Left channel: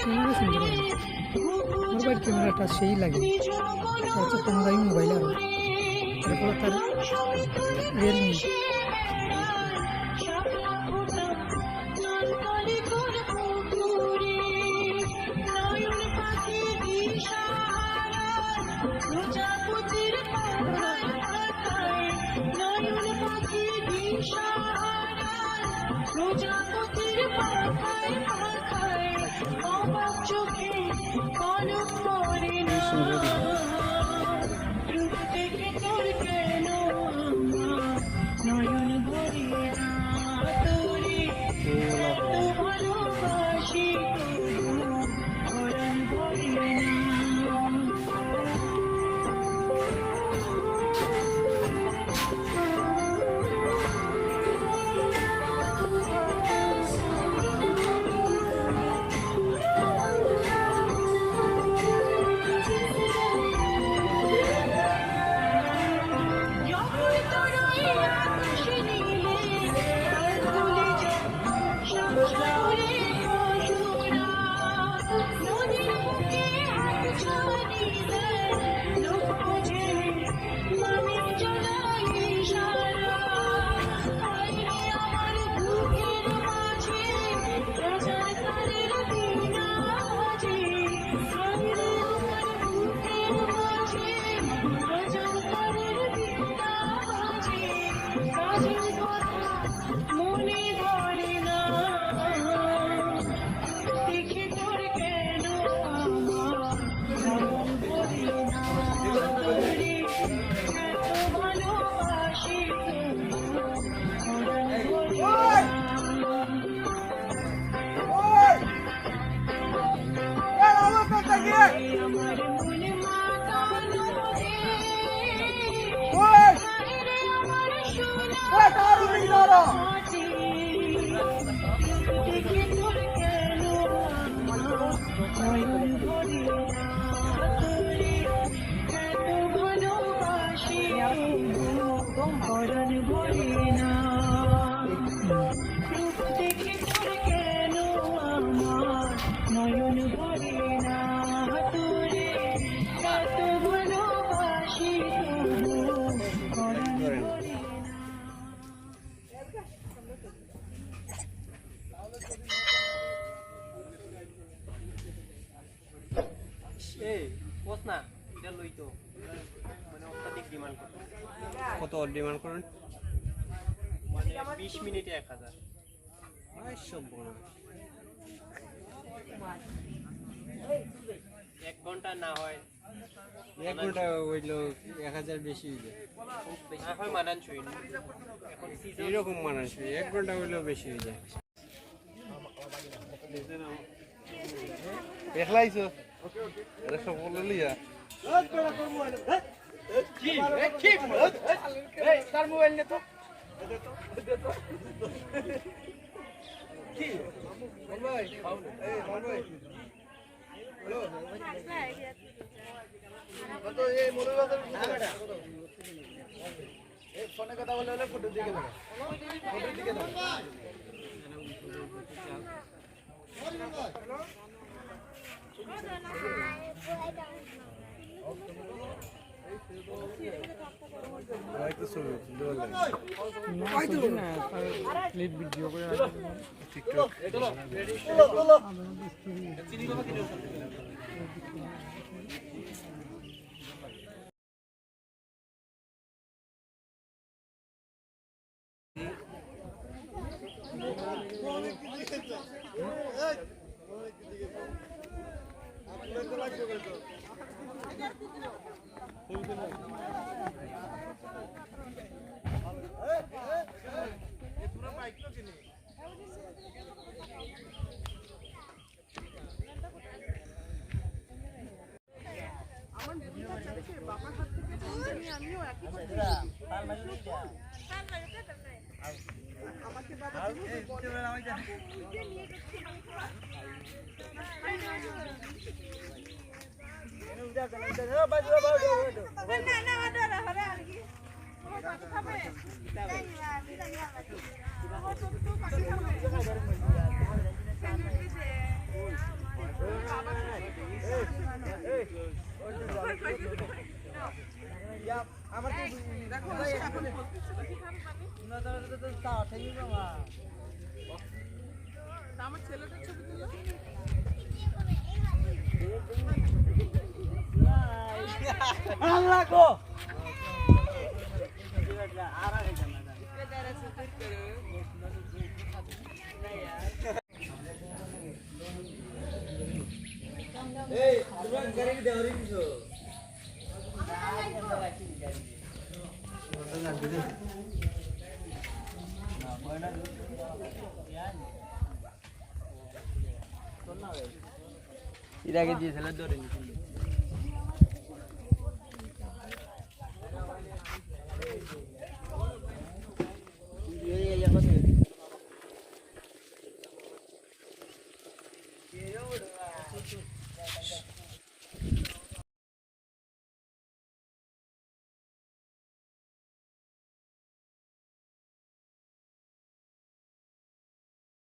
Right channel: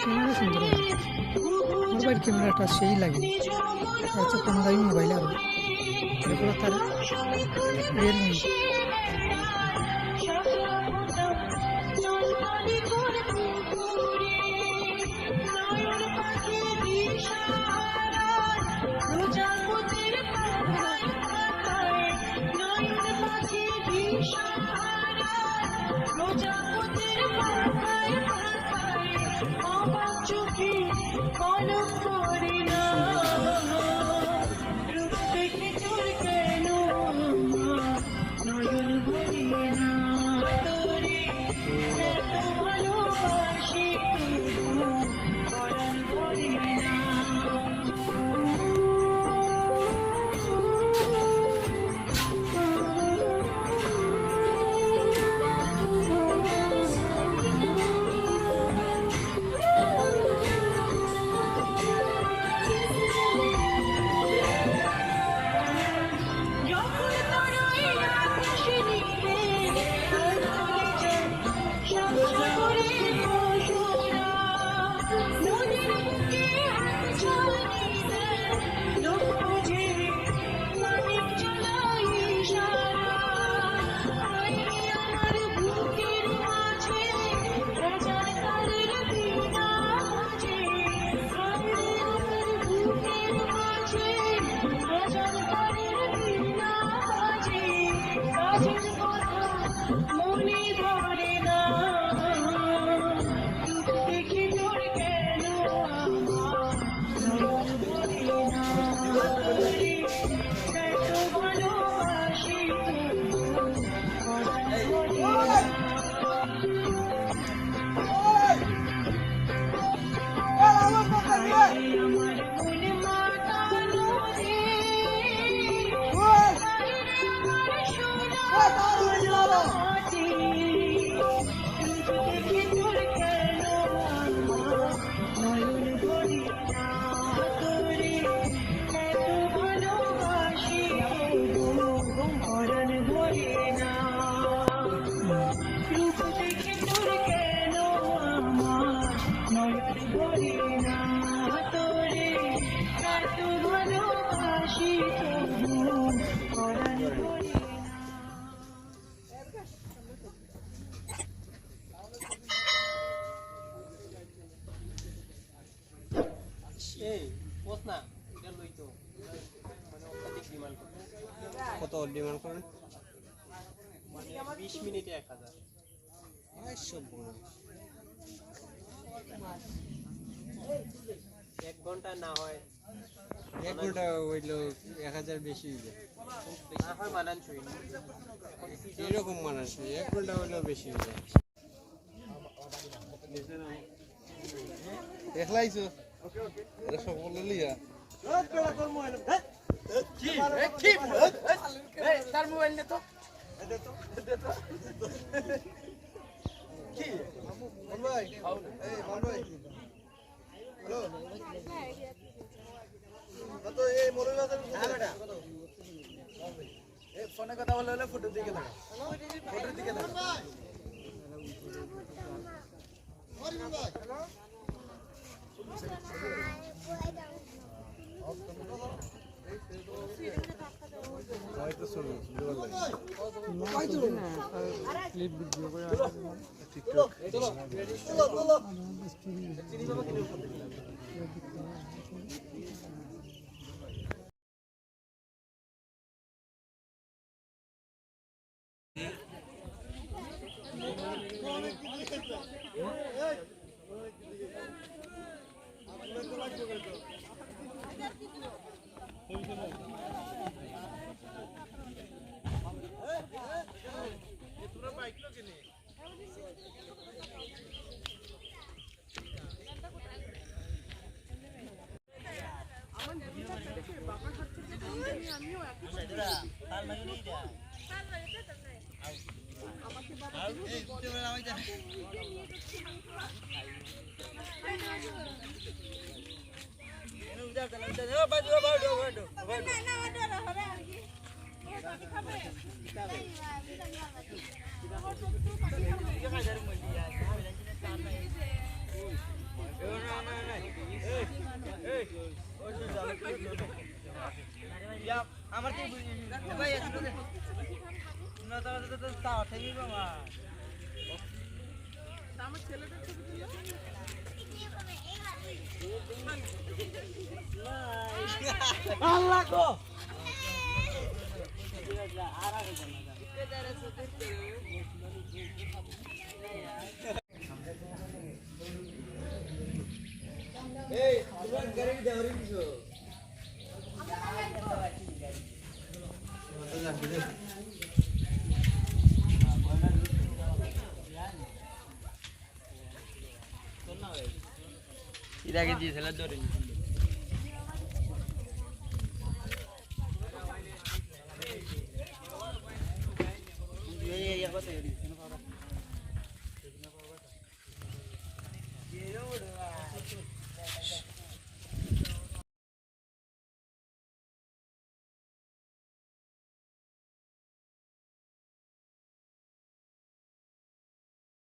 Camera সুন্দর হয় আমার বাড়ির ক্যামেরাটা সেই লাগে হচ্ছে কম দামি মোবাইল আরও তারপরে তার রিয়েলমি কত ডিমান্ড করেন? মানে 20 মিনিটে 1000। সব বড় 1 ঘন্টা না হয় 1 ঘন্টা হইলো 1000 বেশি হয়ে যায় এখন মানানসই এখন season এরকম মানুষ 1 ঘন্টা হইলো বেশি হয়ে যায় দেখলাইছো এটা সব বলে লিয়া ফোনে কথা বলে হলে ফটো দিকে দাও ফটো দিকে দাও হয়তো শুনো ক্লিপ ভিডিও করে টিকটক আমার কি ভাই না তো তাও থেমি মামা আমার ছেলেটা ছবি তুলে আল্লাহ গো আর আগে জানা যায় এই তুমি গাড়ি দেওরি দিছো এর আগে দিয়েছিল ধরে